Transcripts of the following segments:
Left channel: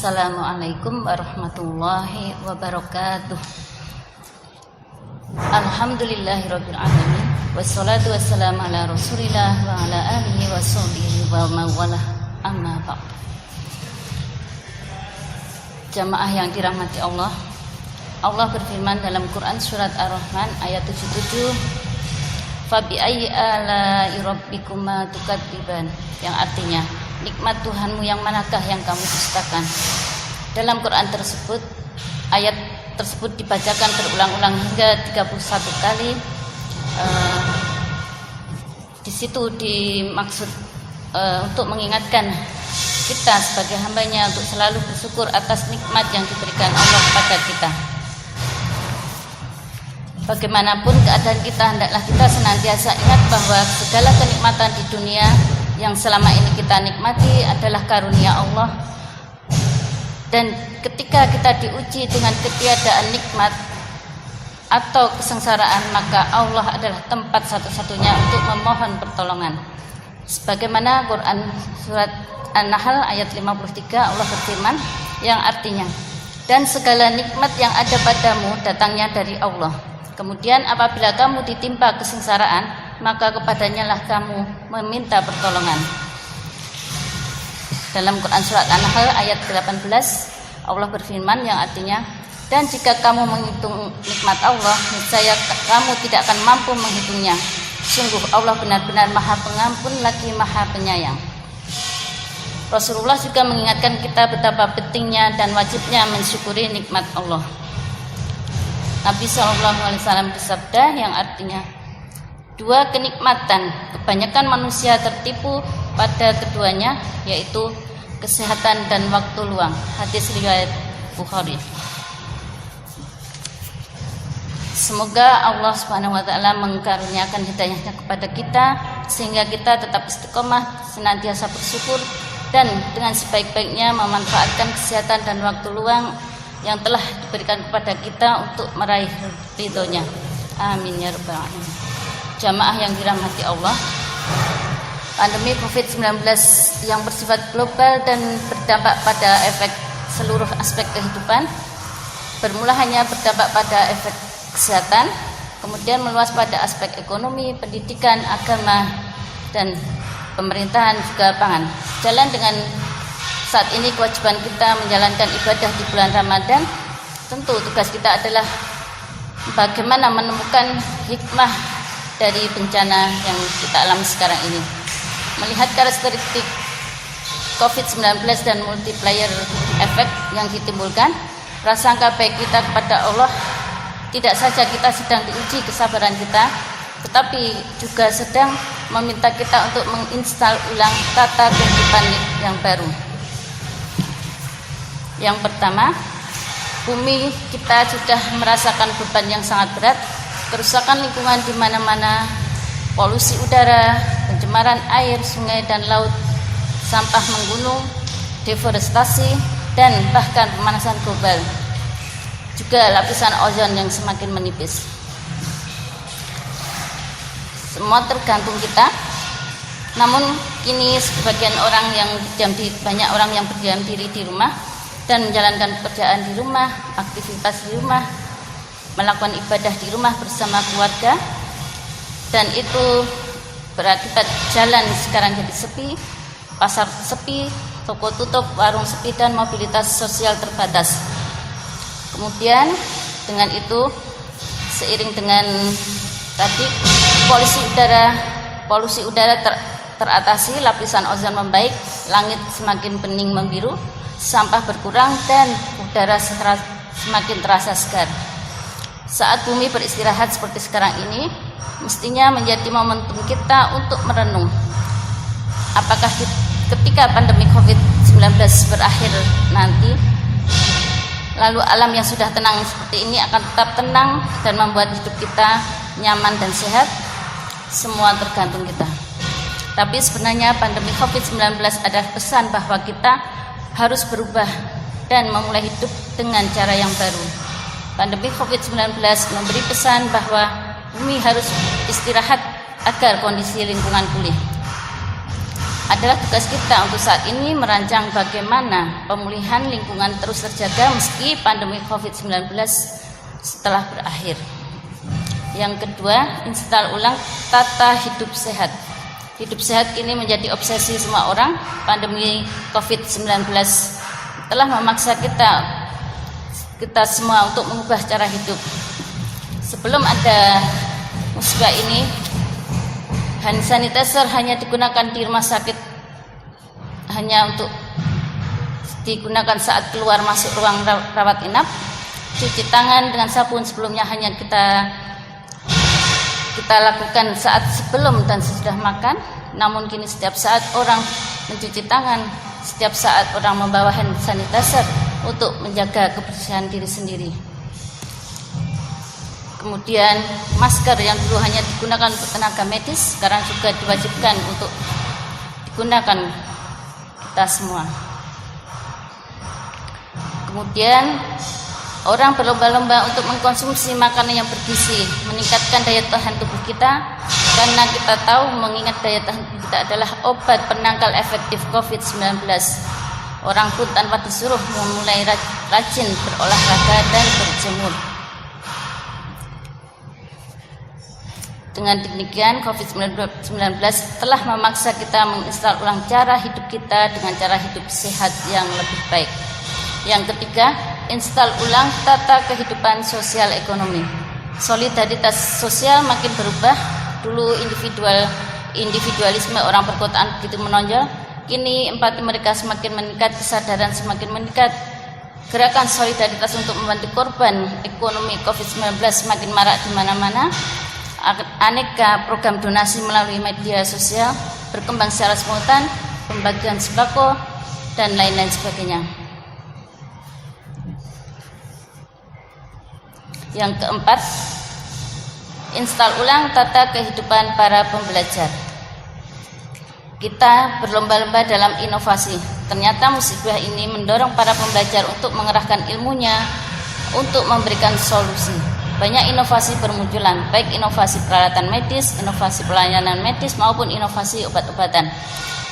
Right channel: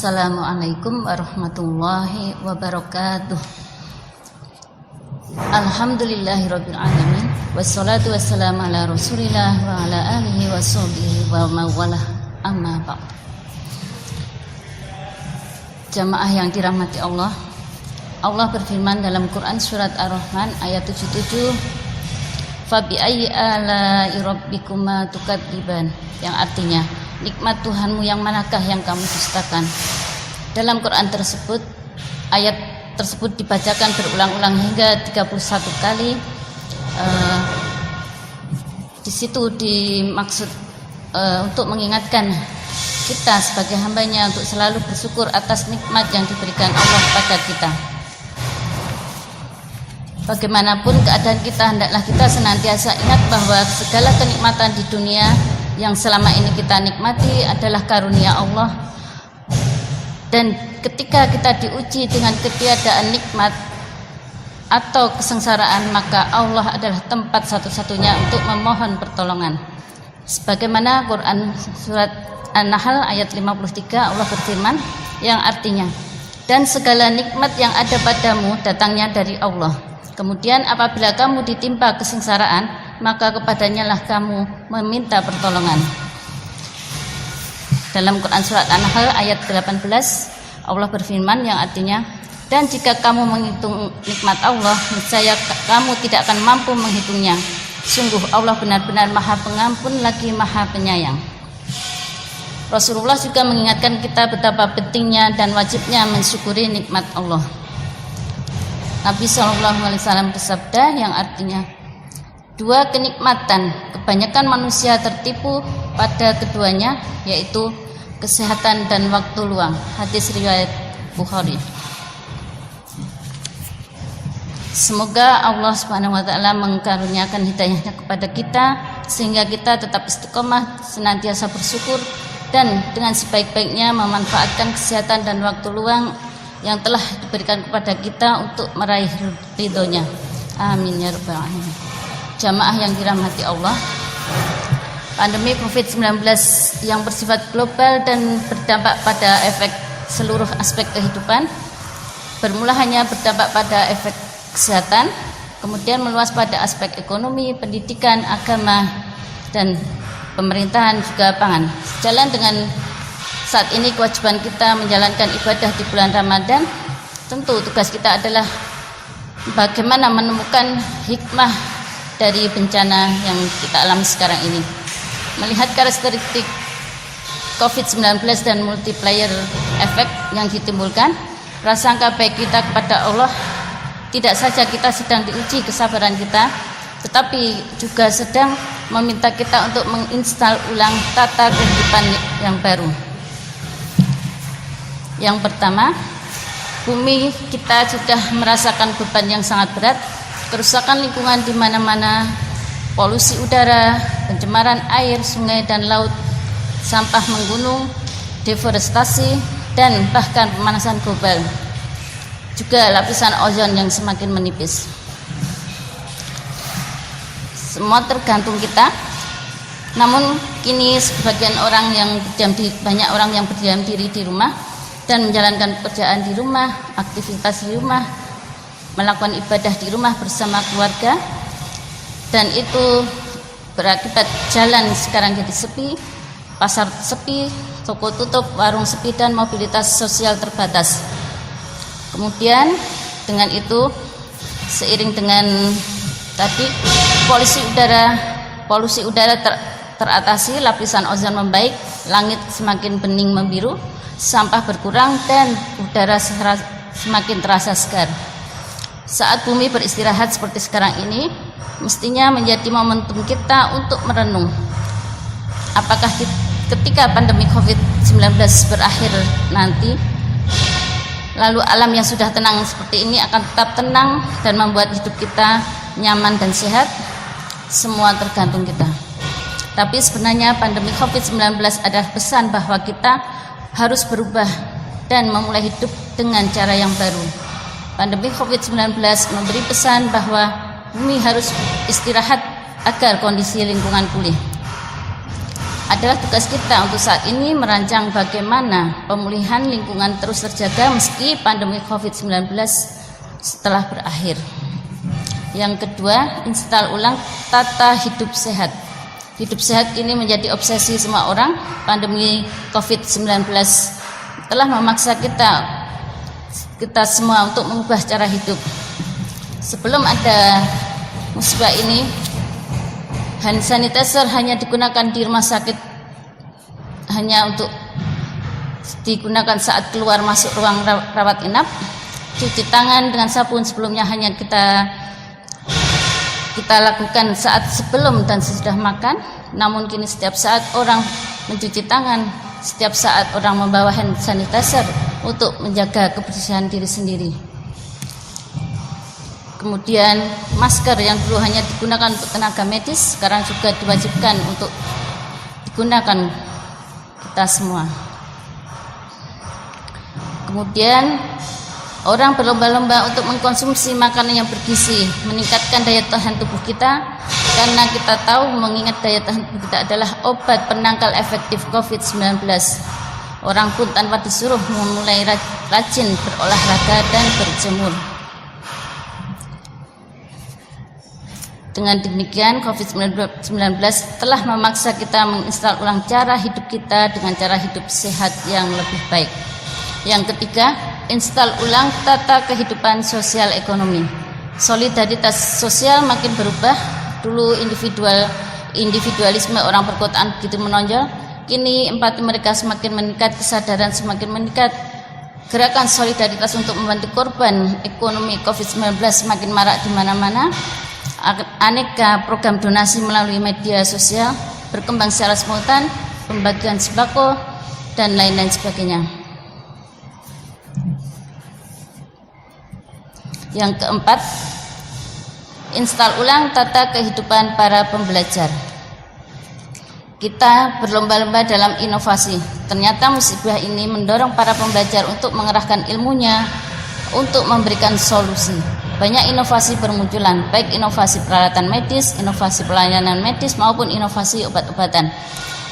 Assalamualaikum warahmatullahi wabarakatuh. Alhamdulillahirabbil alamin wassalatu wassalamu ala Rasulillah wa ala alihi washabihi wa mawalah, amma ba'd. Jamaah yang dirahmati Allah, Allah berfirman dalam Quran surat Ar-Rahman ayat 77, Fabi ayyi ala'i rabbikuma tukadziban, yang artinya nikmat Tuhanmu yang manakah yang kamu dustakan. Dalam Quran tersebut, ayat tersebut dibacakan berulang-ulang hingga 31 kali. Di situ dimaksud untuk mengingatkan kita sebagai hambanya untuk selalu bersyukur atas nikmat yang diberikan Allah kepada kita. Bagaimanapun keadaan kita, hendaklah kita senantiasa ingat bahwa segala kenikmatan di dunia yang selama ini kita nikmati adalah karunia Allah. Dan ketika kita diuji dengan ketiadaan nikmat atau kesengsaraan, maka Allah adalah tempat satu-satunya untuk memohon pertolongan. Sebagaimana Quran surat An-Nahl ayat 53, Allah berfirman yang artinya, dan segala nikmat yang ada padamu datangnya dari Allah. Kemudian apabila kamu ditimpa kesengsaraan, maka kepadanya lah kamu meminta pertolongan. Dalam Quran surat An-Nahl ayat 18, Allah berfirman yang artinya, dan jika kamu menghitung nikmat Allah, niscaya kamu tidak akan mampu menghitungnya. Sungguh Allah benar-benar Maha Pengampun lagi Maha Penyayang. Rasulullah juga mengingatkan kita betapa pentingnya dan wajibnya mensyukuri nikmat Allah. Nabi SAW bersabda yang artinya, dua kenikmatan kebanyakan manusia tertipu pada keduanya, yaitu kesehatan dan waktu luang. Hadis riwayat Bukhari. Semoga Allah Subhanahu wa taala mengkaruniakan hidayahnya kepada kita sehingga kita tetap istiqomah, senantiasa bersyukur dan dengan sebaik-baiknya memanfaatkan kesehatan dan waktu luang yang telah diberikan kepada kita untuk meraih ridhonya. Amin ya rabbal alamin. Jamaah yang dirahmati Allah, pandemi COVID-19 yang bersifat global dan berdampak pada efek seluruh aspek kehidupan, bermula hanya berdampak pada efek kesehatan, kemudian meluas pada aspek ekonomi, pendidikan, agama, dan pemerintahan juga pangan. Jalan dengan saat ini kewajiban kita menjalankan ibadah di bulan Ramadan. Tentu tugas kita adalah bagaimana menemukan hikmah dari bencana yang kita alami sekarang ini. Melihat karakteristik COVID-19 dan multiplier efek yang ditimbulkan, prasangka baik kita kepada Allah, tidak saja kita sedang diuji kesabaran kita, tetapi juga sedang meminta kita untuk menginstal ulang tata kehidupan yang baru. Yang pertama, bumi kita sudah merasakan beban yang sangat berat, kerusakan lingkungan di mana-mana, polusi udara, pencemaran air, sungai dan laut, sampah menggunung, deforestasi, dan bahkan pemanasan global. Juga lapisan ozon yang semakin menipis. Semua tergantung kita. Namun kini sebagian orang yang banyak orang yang berdiam diri di rumah dan menjalankan pekerjaan di rumah, aktivitas di rumah, melakukan ibadah di rumah bersama keluarga, dan itu berakibat jalan sekarang jadi sepi, pasar sepi, toko tutup, warung sepi, dan mobilitas sosial terbatas. Kemudian dengan itu seiring dengan tadi polusi udara teratasi, lapisan ozon membaik, langit semakin bening membiru, sampah berkurang, dan udara semakin terasa segar. Saat bumi beristirahat seperti sekarang ini, mestinya menjadi momentum kita untuk merenung. Apakah ketika pandemi COVID-19 berakhir nanti, lalu alam yang sudah tenang seperti ini akan tetap tenang dan membuat hidup kita nyaman dan sehat? Semua tergantung kita. Tapi sebenarnya pandemi COVID-19 adalah pesan bahwa kita harus berubah dan memulai hidup dengan cara yang baru. Pandemi COVID-19 memberi pesan bahwa bumi harus istirahat agar kondisi lingkungan pulih. adalah tugas kita untuk saat ini merancang bagaimana pemulihan lingkungan terus terjaga meski pandemi COVID-19 setelah berakhir. Yang kedua, install ulang tata hidup sehat. Hidup sehat ini menjadi obsesi semua orang. Pandemi COVID-19 telah memaksa kita semua untuk mengubah cara hidup. Sebelum ada musibah ini, hand sanitizer hanya digunakan di rumah sakit, hanya untuk digunakan saat keluar masuk ruang rawat inap. Cuci tangan dengan sabun sebelumnya hanya kita lakukan saat sebelum dan sesudah makan. Namun kini setiap saat orang mencuci tangan, setiap saat orang membawa hand sanitizer untuk menjaga kebersihan diri sendiri. Kemudian masker yang dulu hanya digunakan untuk tenaga medis sekarang juga diwajibkan untuk digunakan kita semua. Kemudian orang berlomba-lomba untuk mengkonsumsi makanan yang bergizi, meningkatkan daya tahan tubuh kita, karena kita tahu mengingat daya tahan tubuh kita adalah obat penangkal efektif COVID-19. Orang pun tanpa disuruh memulai rajin berolahraga dan berjemur. Dengan demikian, COVID-19 telah memaksa kita menginstal ulang cara hidup kita dengan cara hidup sehat yang lebih baik. Yang ketiga, install ulang tata kehidupan sosial ekonomi. Solidaritas sosial makin berubah. Dulu individualisme orang perkotaan begitu menonjol. Kini empati mereka semakin meningkat, kesadaran semakin meningkat. Gerakan solidaritas untuk membantu korban ekonomi COVID-19 semakin marak di mana-mana. Aneka program donasi melalui media sosial berkembang secara simultan, pembagian sembako dan lain-lain sebagainya. Yang keempat, install ulang tata kehidupan para pembelajar. Kita berlomba-lomba dalam inovasi. Ternyata musibah ini mendorong para pembelajar untuk mengerahkan ilmunya untuk memberikan solusi. Banyak inovasi bermunculan, baik inovasi peralatan medis, inovasi pelayanan medis maupun inovasi obat-obatan.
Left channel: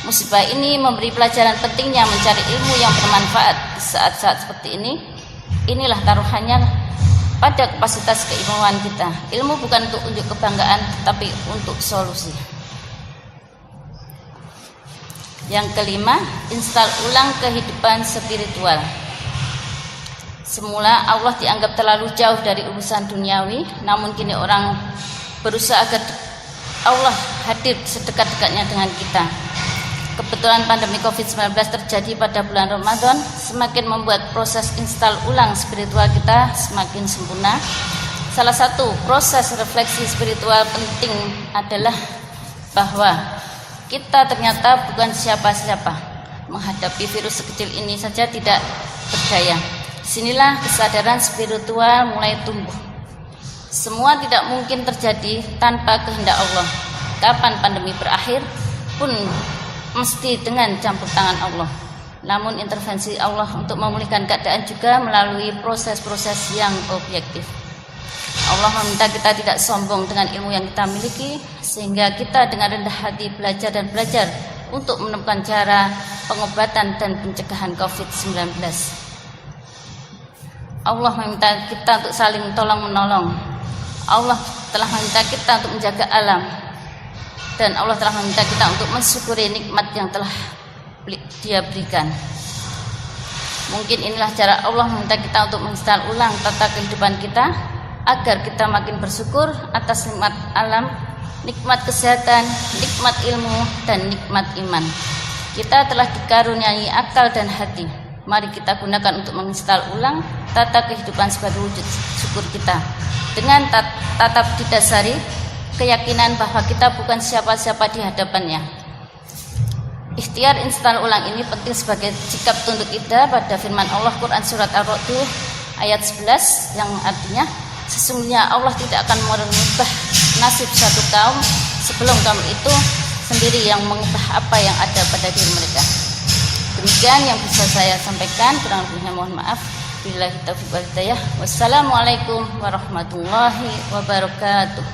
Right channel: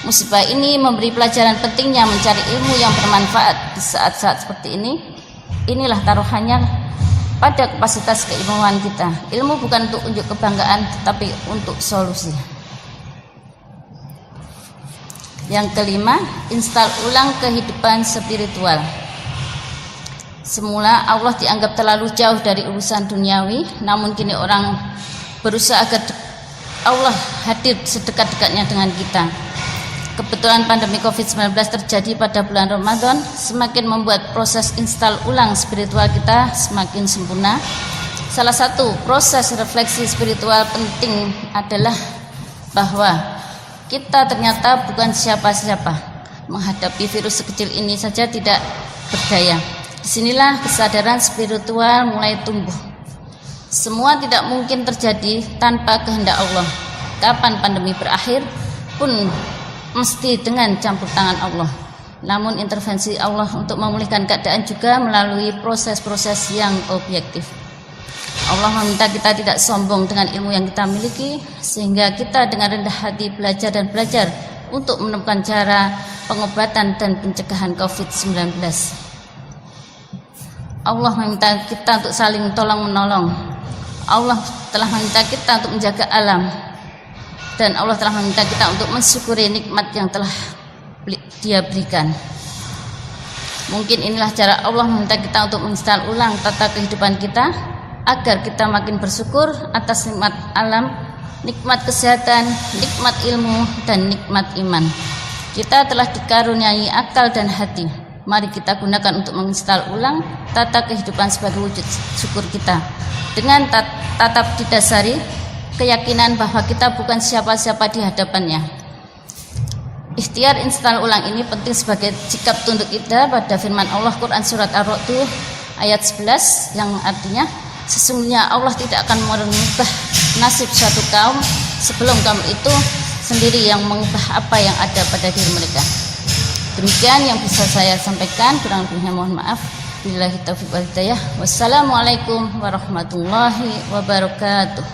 Musibah ini memberi pelajaran pentingnya mencari ilmu yang bermanfaat di saat-saat seperti ini. Inilah taruhannya pada kapasitas keilmuan kita. Ilmu bukan untuk unjuk kebanggaan, tetapi untuk solusi. Yang kelima, install ulang kehidupan spiritual. Semula Allah dianggap terlalu jauh dari urusan duniawi, namun kini orang berusaha agar Allah hadir sedekat-dekatnya dengan kita. Kebetulan pandemi COVID-19 terjadi pada bulan Ramadan, semakin membuat proses install ulang spiritual kita semakin sempurna. Salah satu proses refleksi spiritual penting adalah bahwa kita ternyata bukan siapa-siapa. Menghadapi virus sekecil ini saja tidak berdaya. Disinilah kesadaran spiritual mulai tumbuh. Semua tidak mungkin terjadi tanpa kehendak Allah. Kapan pandemi berakhir pun mesti dengan campur tangan Allah. Namun intervensi Allah untuk memulihkan keadaan juga melalui proses-proses yang objektif. Allah meminta kita tidak sombong dengan ilmu yang kita miliki, sehingga kita dengan rendah hati belajar untuk menemukan cara pengobatan dan pencegahan COVID-19. Allah meminta kita untuk saling tolong-menolong. Allah telah meminta kita untuk menjaga alam. Dan Allah telah meminta kita untuk mensyukuri nikmat yang telah Dia berikan. Mungkin inilah cara Allah meminta kita untuk menginstal ulang tata kehidupan kita, agar kita makin bersyukur atas nikmat alam, nikmat kesehatan, nikmat ilmu, dan nikmat iman. Kita telah dikaruniai akal dan hati. Mari kita gunakan untuk menginstal ulang tata kehidupan sebagai wujud syukur kita. Dengan tatap didasari keyakinan bahwa kita bukan siapa-siapa di hadapannya. Ikhtiar install ulang ini penting sebagai sikap tunduk kita pada firman Allah Quran Surat Ar-Ra'd ayat 11 yang artinya, sesungguhnya Allah tidak akan merubah nasib suatu kaum sebelum kaum itu sendiri yang mengubah apa yang ada pada diri mereka. Demikian yang bisa saya sampaikan, kurang lebihnya mohon maaf. Billahi taufiq wal hidayah. Wassalamualaikum warahmatullahi wabarakatuh.